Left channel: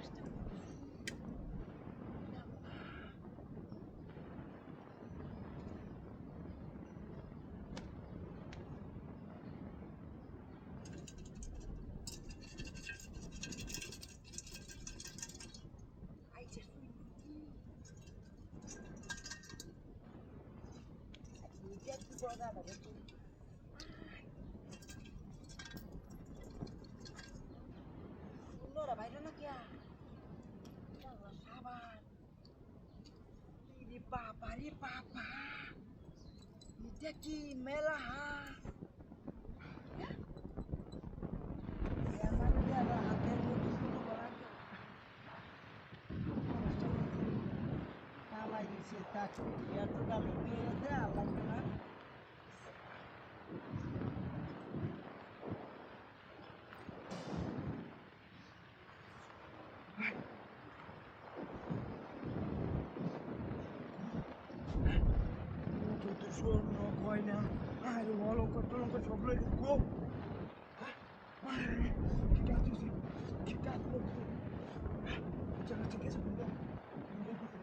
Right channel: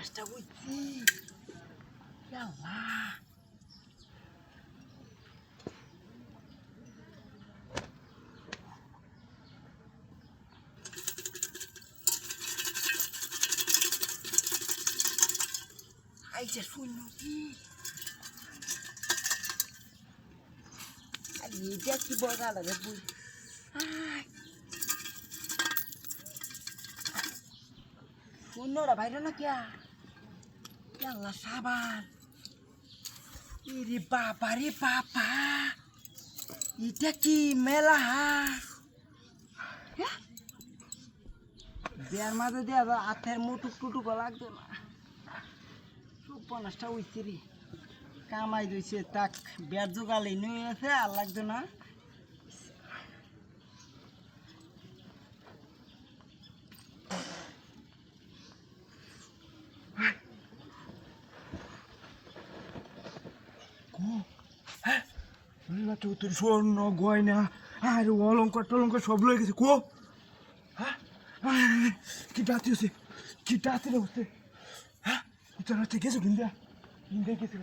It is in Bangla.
মাছটা বুঝছি আইসা শুনল কি আর এটা কি বগা লাগে বই শূন্যটা বাইরে না কিয়া আল্লাহ সাবান রে বাবা রে বাবা এটা কি মেলা হাঁস বিয়ার মাঝে দিয়ে হাতের মুটুক টুটুক লাগতো না পলাশটা উঠছি রে কামাই দিয়েছে তাক বিয়ার জোগালি নিয়ে আছে আর লাগতো না তোর স্বর্ণ গয়না আর অলঙ্কার টলঙ্কার সব লয়ে গেছে কো কি ডাকতেছে কি ডাকতে উঠতে হ্যাঁ গেছে কিনতে গেছে